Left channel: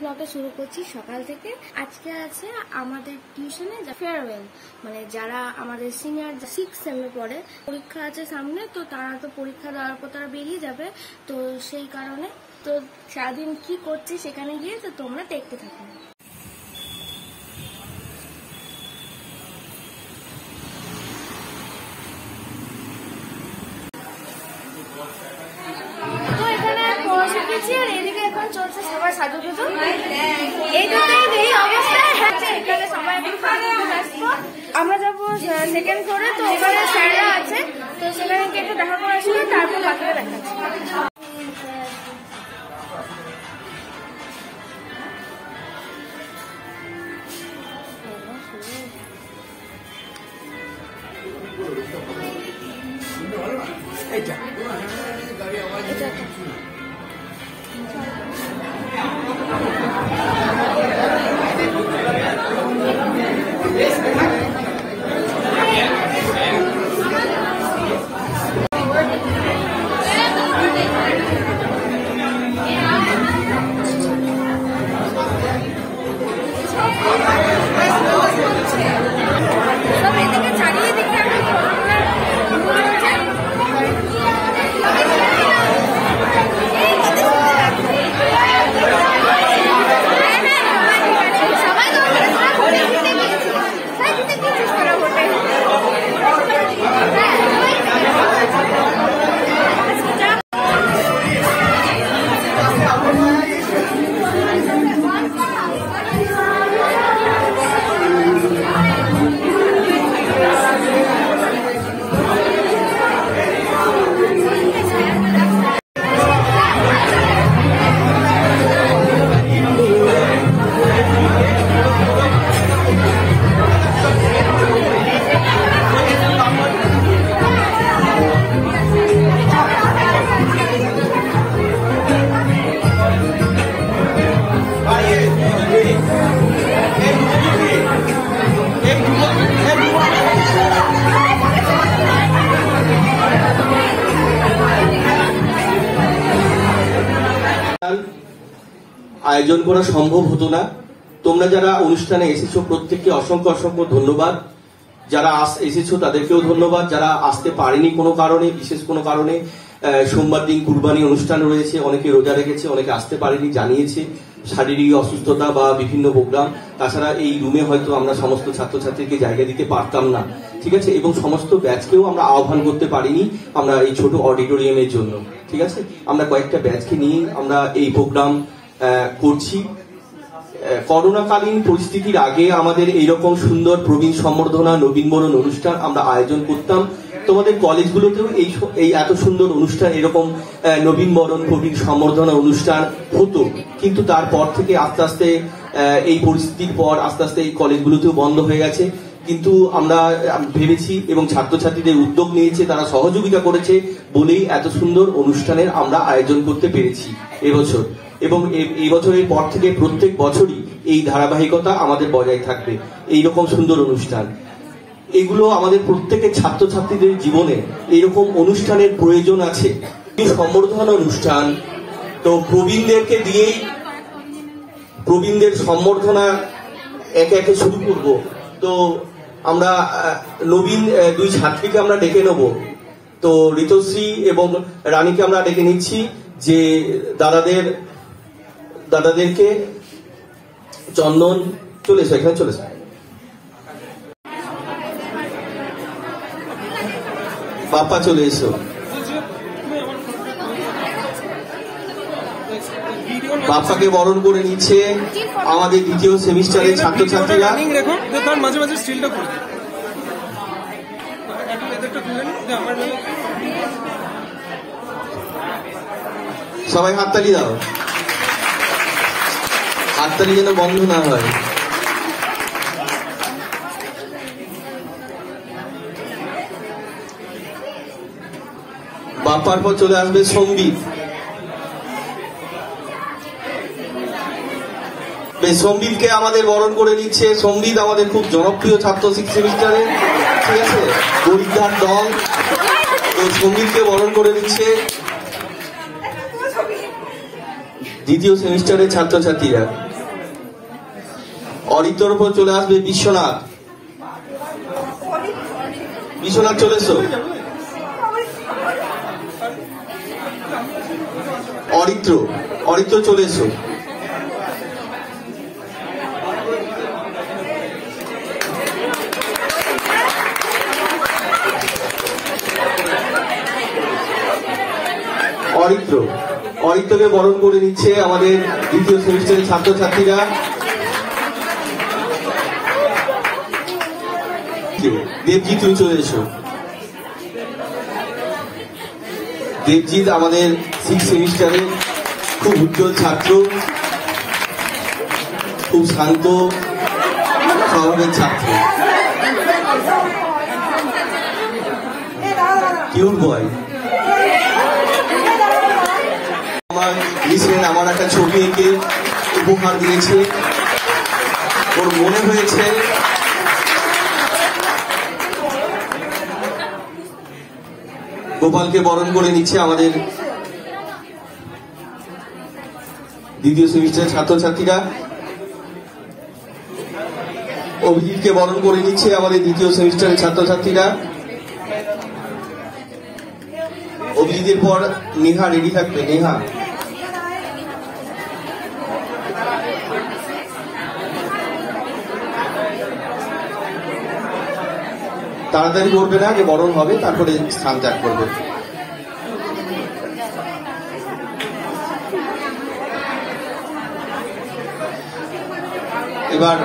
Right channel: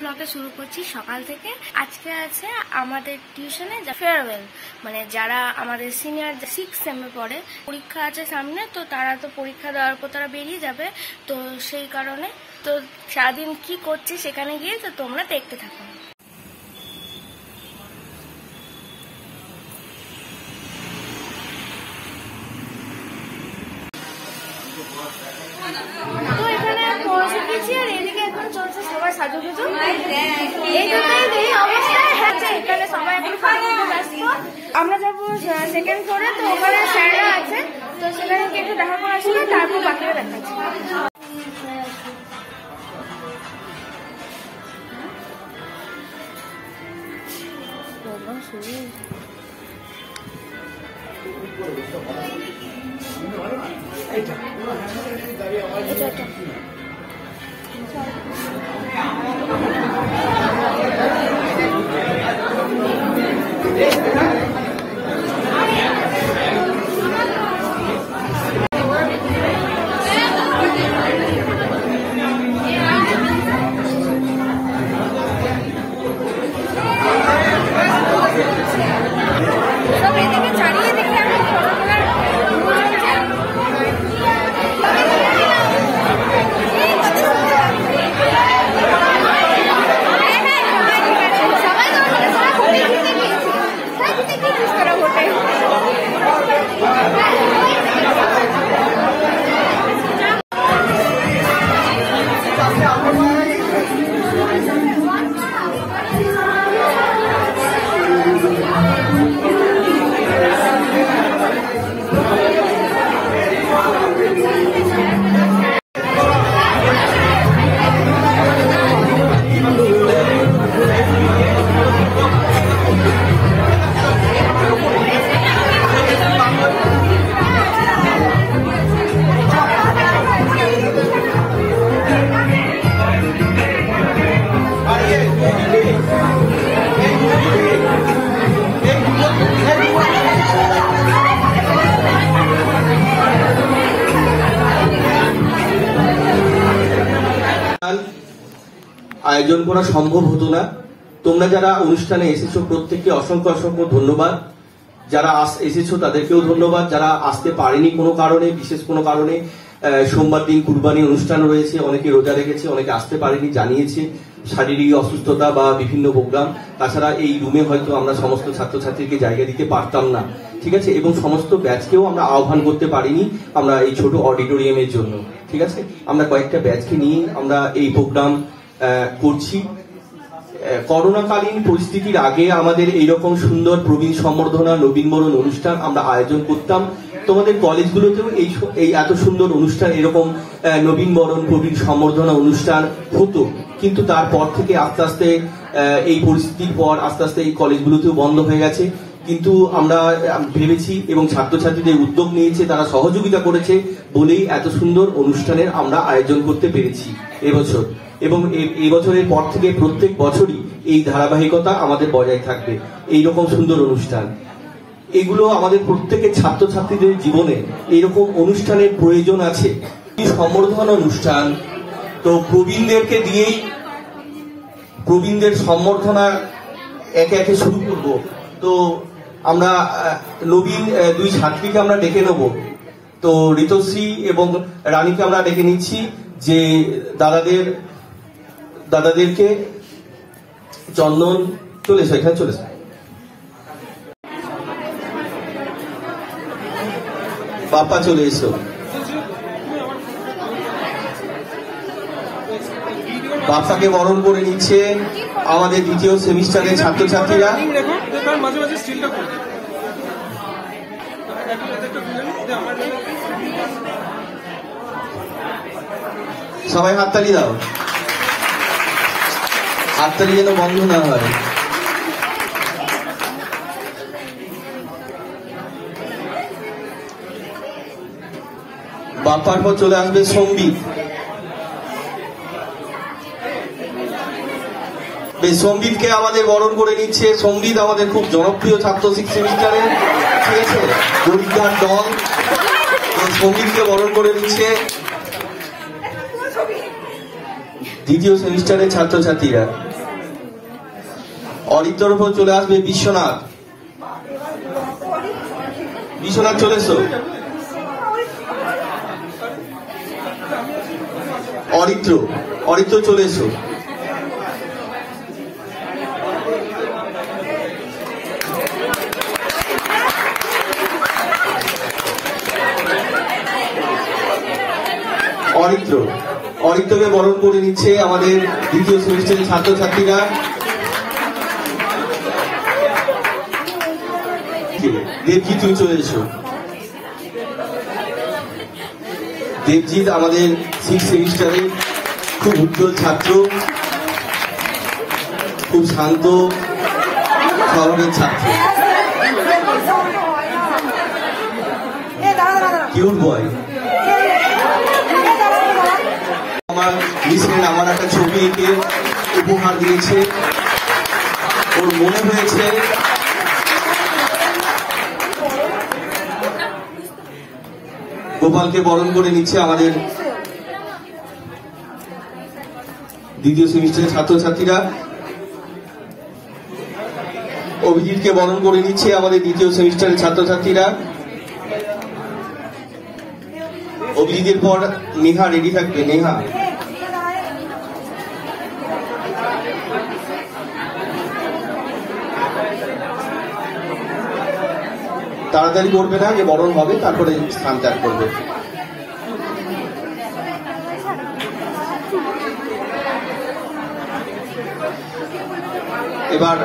ব্লগে শুরু করছি সকাল থেকে। আজকে আছে আমাদের টিউশনে ফেয়ারওয়েল, মানে যারা আমাদের সিনিয়র 6 সেমে পড়ে, পরীক্ষা আছে সামনে, তো তারা তো পরীক্ষা দেওয়ার পর তারা বেরিয়ে যাবে, তো সেই কারণে তো সারাদিন কি করছি সেখানে গিয়ে তো তোমরা দেখতে থাকো। তো এখানে পৌঁছে গেছি আর এদিকে এখন চলছে সবাই সাজুগুজু। এইটাতেই এই অবস্থা হচ্ছে, এখানে সবাই এখন সাজুগুজু ব্যস্ত। আমরা যাবো সেকেন্ড ফ্লোরে, তো ওখানে স্যাররা আছে, তো সেখানে গিয়ে একটু দেখা করে আসলে তারপর বাকিরা দেখাচ্ছি। সব এদিকে চারিয়ে দেখে এখন করোনার চলছে। সবাই আয়োজন করা সম্ভব হতো না। তোমরা যারা অনুষ্ঠানে এসেছো প্রত্যেককে অসংখ্য অসংখ্য ধন্যবাদ। যারা এসেছো তাদেরকেও ধন্যবাদ। যারা আসতে পারেনি কোনো কারণে, বিশেষ কোনো কারণে, সোমবার দিন কুরবানি অনুষ্ঠান রয়েছে, অনেকে রোজা রেখেছে, অনেকে আসতে পারেনি, জানিয়েছে শারীরিক অসুস্থতা বা বিভিন্ন প্রোগ্রাম। তাছাড়া এই রুমে হয়তো আমরা সমস্ত ছাত্রছাত্রীকে জায়গা দিতে পারতাম না, ঠিক আছে, এবং সমস্ত ব্যাচকেও আমরা আহ্বান করতে পারিনি আমরা এই ছোট অডিটোরিয়ামের জন্য, ঠিক আছে। আমরা কয়েকটা ব্যাচকে নিয়ে আমরা এই প্রোগ্রাম করছি। করোনাকালীন পরিস্থিতির আগে আমাদের এইরকম সুন্দর প্রবীণ সম্বর্ধনা, নবীনবরণ অনুষ্ঠান আমরা আয়োজন করতাম। তোমাদের কলেজগুলোতেও এই এত সুন্দর অনুষ্ঠান, এরকম নবীনবরণ, প্রবীণ সম্বর্ধনা অনুষ্ঠান হতো, কিন্তু তারপর থেকে আস্তে আস্তে এই পরিস্থিতির পর আস্তে আস্তে এই কলেজগুলোতেও বন্ধ হয়ে গেছে। কিন্তু আমরা ভেবেছি এবং ছাত্রছাত্রীদের উদ্যোগ নিয়েছে, তারা সহযোগিতা করেছে বলেই এত সুন্দর অনুষ্ঠানের আমরা আয়োজন করতে পেরেছি এবছর। এবং এই বছরের পর থেকে প্রত্যেক বছরই এই ধারাবাহিকতা আমাদের বজায় থাকবে, এইরকম সুন্দর অনুষ্ঠান। এগুলো আমাদের প্রত্যেকের ছাত্রছাত্রীদের জীবনে এইরকম অনুষ্ঠানের প্রয়োজন আছে। সম্বর্ধনা অনুষ্ঠান, তো প্রবীণদেরকে দিয়েই প্রবীণদের সম্বর্ধনা একে একে শুরু করব। তো আমরা নবীন দুই ছাত্রীকে আমরা ডেকে নেব। তো ঋতুশ্রী এবং রানীকে আমরা ডেকে নিচ্ছি, যে দাদাদেরকে চন্দন চলেছে, এখানে চলেছে। বাপ্পা চলে এসো। বাপ্পাকে বরণ করে নিচ্ছে আমাদের দ্বিতীয় সেমিস্টারের ছাত্রছাত্রীরা। সবাই হাততালি দাও, হাততালি যেন বন্ধ না হয়। বাপ্পার পর চলে আসবে সঙ্গীত। সঙ্গীতকে আমাদের বরণ করে নিচ্ছে। সঙ্গীত আমাদের খুব জনপ্রিয় ছাত্র 6 সেমিস্টারে, ঠিক আছে, গরিবঘাট দল। সঙ্গীতকে বরণ করে নিচ্ছে দ্বিতীয় সেমিস্টারের ছাত্রছাত্রীরা। অরিত্রর উপর চলে আসবে বিশ্বনাথ। বিশ্বনাথ চলে এসো। অরিত্র, অরিত্র চলে এসো। অরিত্র, অরিত্রকে বরণ করে নিচ্ছে আমাদের দ্বিতীয় সেমিস্টারের ছাত্রছাত্রীরা। দেবজিৎ, তুমি চলে এসো। দেবজিৎ আমাদের 6 সেমিস্টারে খুব উজ্জ্বল ছাত্র, খুব শান্ত স্বভাবের ছাত্র, কিউট বয়। আমার রিসেন্ট আমার একটা ছবি এঁকে উপহার দিয়েছে। ওর মনে হয়েছে গোপালকে বরণ করে নিচ্ছে আমাদের দ্বিতীয় সেমিস্টারের ছাত্রছাত্রীরা। অভিজিৎকে বরণ করে নিচ্ছে আমাদের দ্বিতীয় সেমিস্টারের ছাত্রছাত্রীরা। অভিজিতের পর নেহা রেডি থাকবে। নেহা, তাড়াতাড়ি করবে না, যে বরণ হবে তারপরে স্থান ত্যাগ করবে। এবার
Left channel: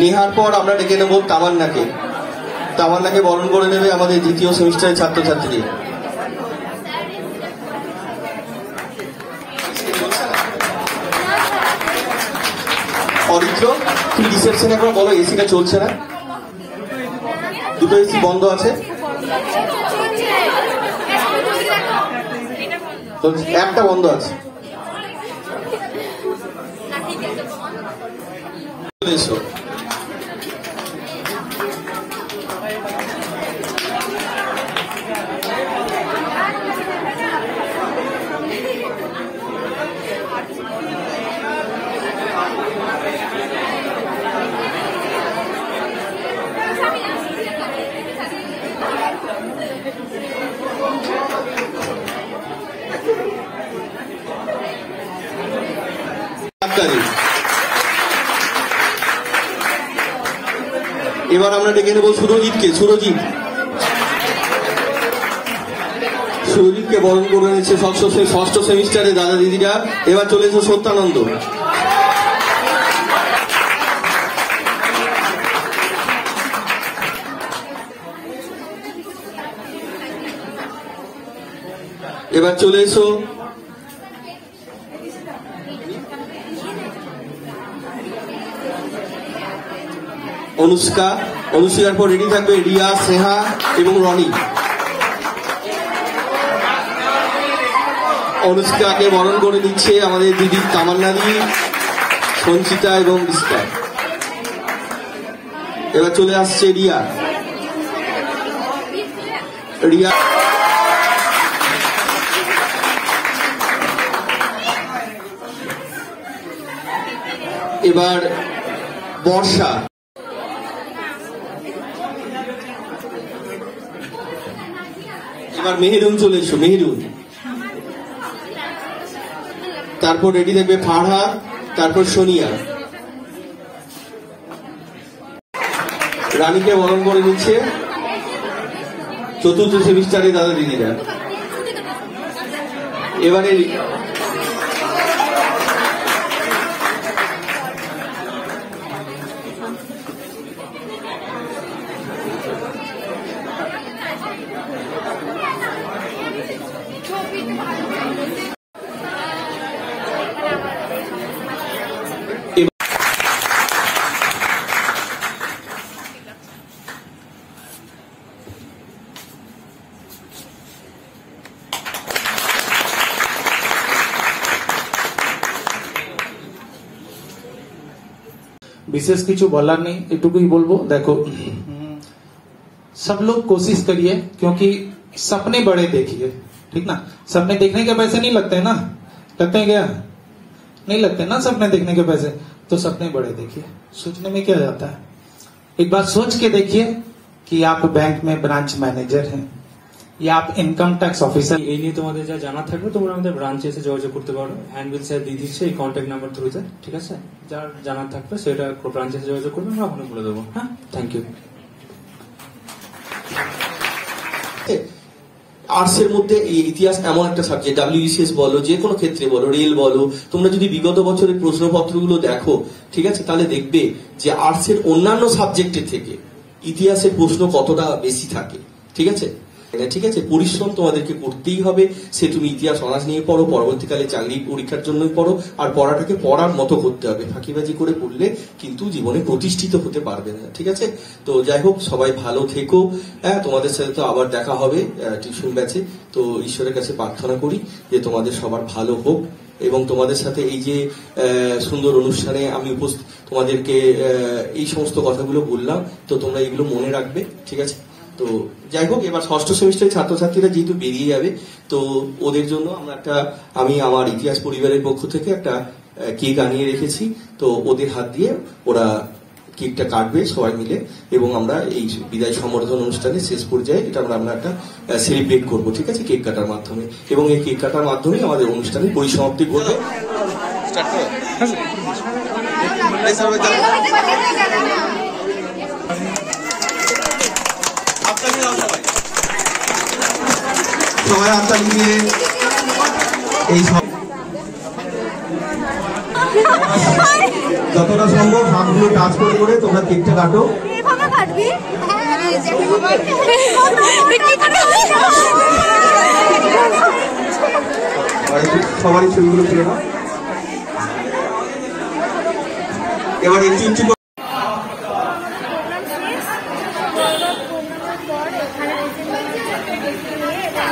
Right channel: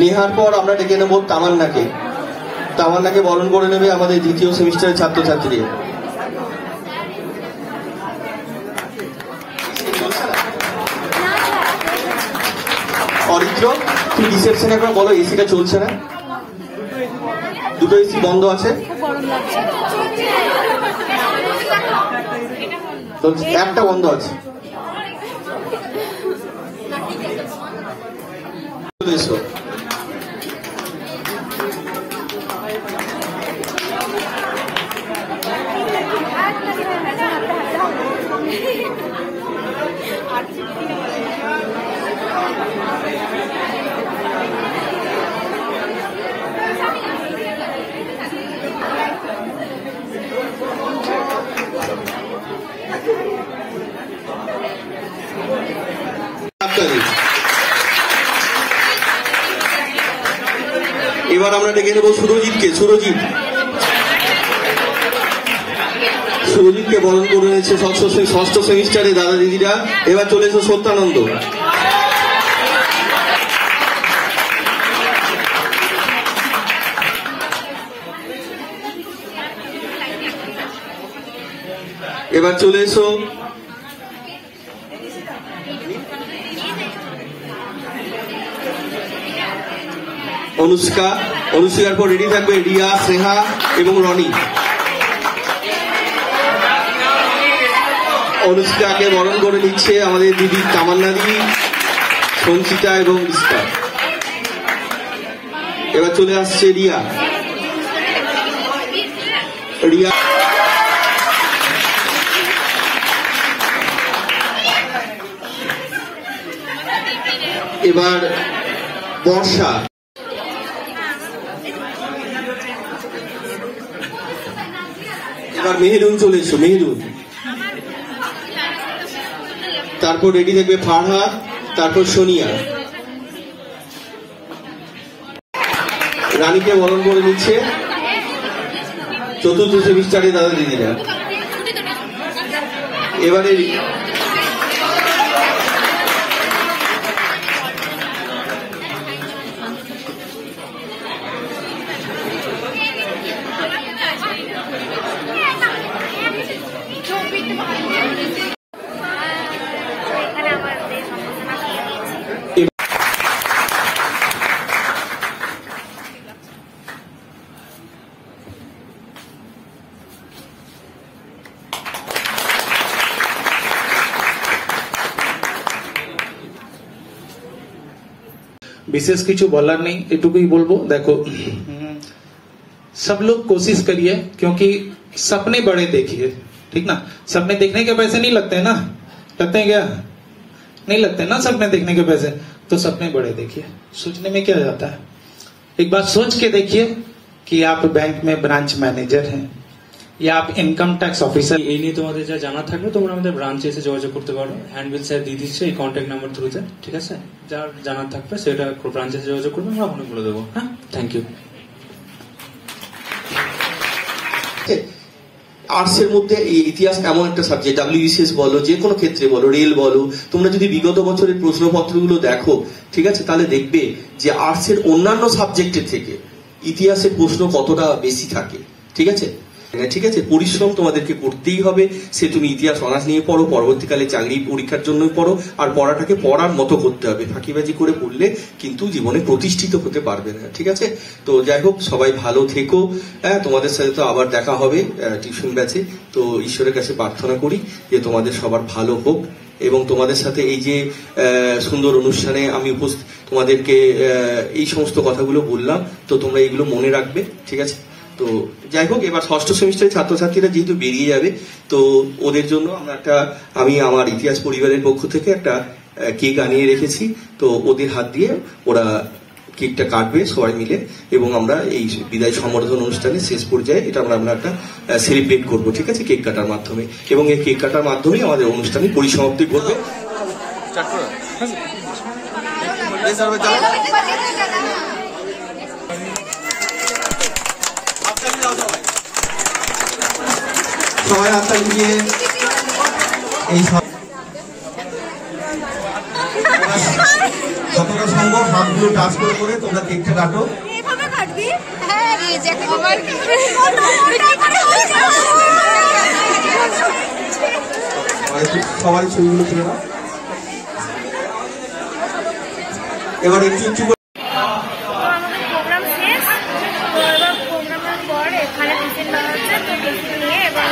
নেহার পর আমরা ডেকে নেব তামান্নাকে। তামান্নাকে বরণ করে নেবে আমাদের দ্বিতীয় সেমিস্টারের ছাত্রছাত্রী। অরিত্র, তুমি রিসেপশনে একবার বলো এসিটা চলছে না, দুটো এসি বন্ধ আছে, একটা বন্ধ আছে। এবার আমরা ডেকে নেব সুরজিৎকে। সুরজিৎকে বরণ করে নিচ্ছে ষষ্ঠ সেমিস্টারে দাদা দিদিরা। এবার চলে এসো সত্যানন্দ। এবার চলে এসো অনুষ্কা। অনুষ্কার পর রেডি থাকবে রিয়া, স্নেহা এবং রনি। অনুষ্কাকে বরণ করে নিচ্ছে আমাদের দিদি তামান্না দি, সঞ্চিতা এবং রিস্কা। এবার চলে আসছে রিয়া। রিয়া এবার বর্ষা। এবার মেহেরুন চলে এসো। মেহেরুন, তারপর রেডি থাকবে ফারহা, তারপর সোনিয়া। রানীকে বরণ করে নিচ্ছে চতুর্থ সেমিস্টারে দাদা দিদিরা। এবারে বিশেষ কিছু বলার নেই, এটুকুই বলবো। দেখো, सब लोग कोशिश करिए, क्योंकि सपने बड़े देखिए, ठीक ना। सपने देखने के पैसे नहीं लगते हैं ना, लगते हैं क्या? नहीं लगते ना सपने देखने के पैसे। तो सपने बड़े देखिए, सोचने में क्या जाता है। एक बार सोच के देखिए कि आप बैंक में ब्रांच मैनेजर हैं या आप इनकम टैक्स ऑफिसर। এই নিয়ে তোমাদের যা জানা থাকলে তোমরা আমাদের ব্রাঞ্চে এসে যোগাযোগ করতে পারো। হ্যান্ডবিল স্যার দিয়ে দিচ্ছে এই কন্ট্যাক্ট নাম্বার থ্রুতে, ঠিক আছে? যার জানার থাকবে সেটা ব্রাঞ্চে এসে যোগাযোগ করবে, আমরা আপনাকে বলে দেবো। হ্যাঁ, থ্যাংক ইউ। আর্টসের মধ্যে এই ইতিহাস এমন একটা সাবজেক্ট, WBCS বলো, যে কোনো ক্ষেত্রে বলো, রেল বলো, তোমরা যদি বিগত বছরের প্রশ্নপত্রগুলো দেখো, ঠিক আছে, তাহলে দেখবে যে আর্টসের অন্যান্য সাবজেক্টের থেকে ইতিহাসের প্রশ্ন কতটা বেশি থাকে, ঠিক আছে। ঠিক আছে, পরিশ্রম তোমাদেরকে করতেই হবে। সে তুমি ইতিহাস অনার্স নিয়ে পড়ো, পরবর্তীকালে চাকরি পরীক্ষার জন্যই পড়ো, আর পড়াটাকে পড়ার মতো করতে হবে। ফাঁকিবাজি করে পড়লে কিন্তু জীবনে প্রতিষ্ঠিত হতে পারবে না, ঠিক আছে। তো যাই হোক, সবাই ভালো থেকো। হ্যাঁ, তোমাদের সাথে তো আবার দেখা হবে টিউশন ব্যাচে। তো ঈশ্বরের কাছে প্রার্থনা করি যে তোমাদের সবার ভালো হোক, এবং তোমাদের সাথে এই যে সুন্দর অনুষ্ঠানে আমি তোমাদেরকে এই সমস্ত কথাগুলো বললাম, তো তোমরা এগুলো মনে রাখবে, ঠিক আছে। তো যাই হোক, এবার ষষ্ঠ সেমিস্টারের ছাত্রছাত্রীরা যেহেতু বেরিয়ে যাবে, তো ওদের জন্য আমি আমার ইতিহাস পরিবারের পক্ষ থেকে একটা কেক আনিয়ে রেখেছি। তো ওদের হাত দিয়ে ওরা কেকটা কাটবে সবাই মিলে, এবং আমরা এই বিদায় সম্বর্ধনা অনুষ্ঠানের শেষ পর্যায়ে এটা আমরা একটা সেলিব্রেট করবো, ঠিক আছে, কেক কাটার মাধ্যমে। এবং এই কেক কাটার মাধ্যমে আমাদের অনুষ্ঠানের পরিসমাপ্তি করবে। সবাই হাততালি দিয়ে এই যতটা সম্ভব হাতগুলো টাচ করে করে তোমরা কেকটা কাটো। সবাই ছবিগুলো তুলে নাও। এবার একটু উঁচু প্রোগ্রামের পর এখানে টিফিন দেওয়া হচ্ছে, তো টিফিন নিয়ে এবার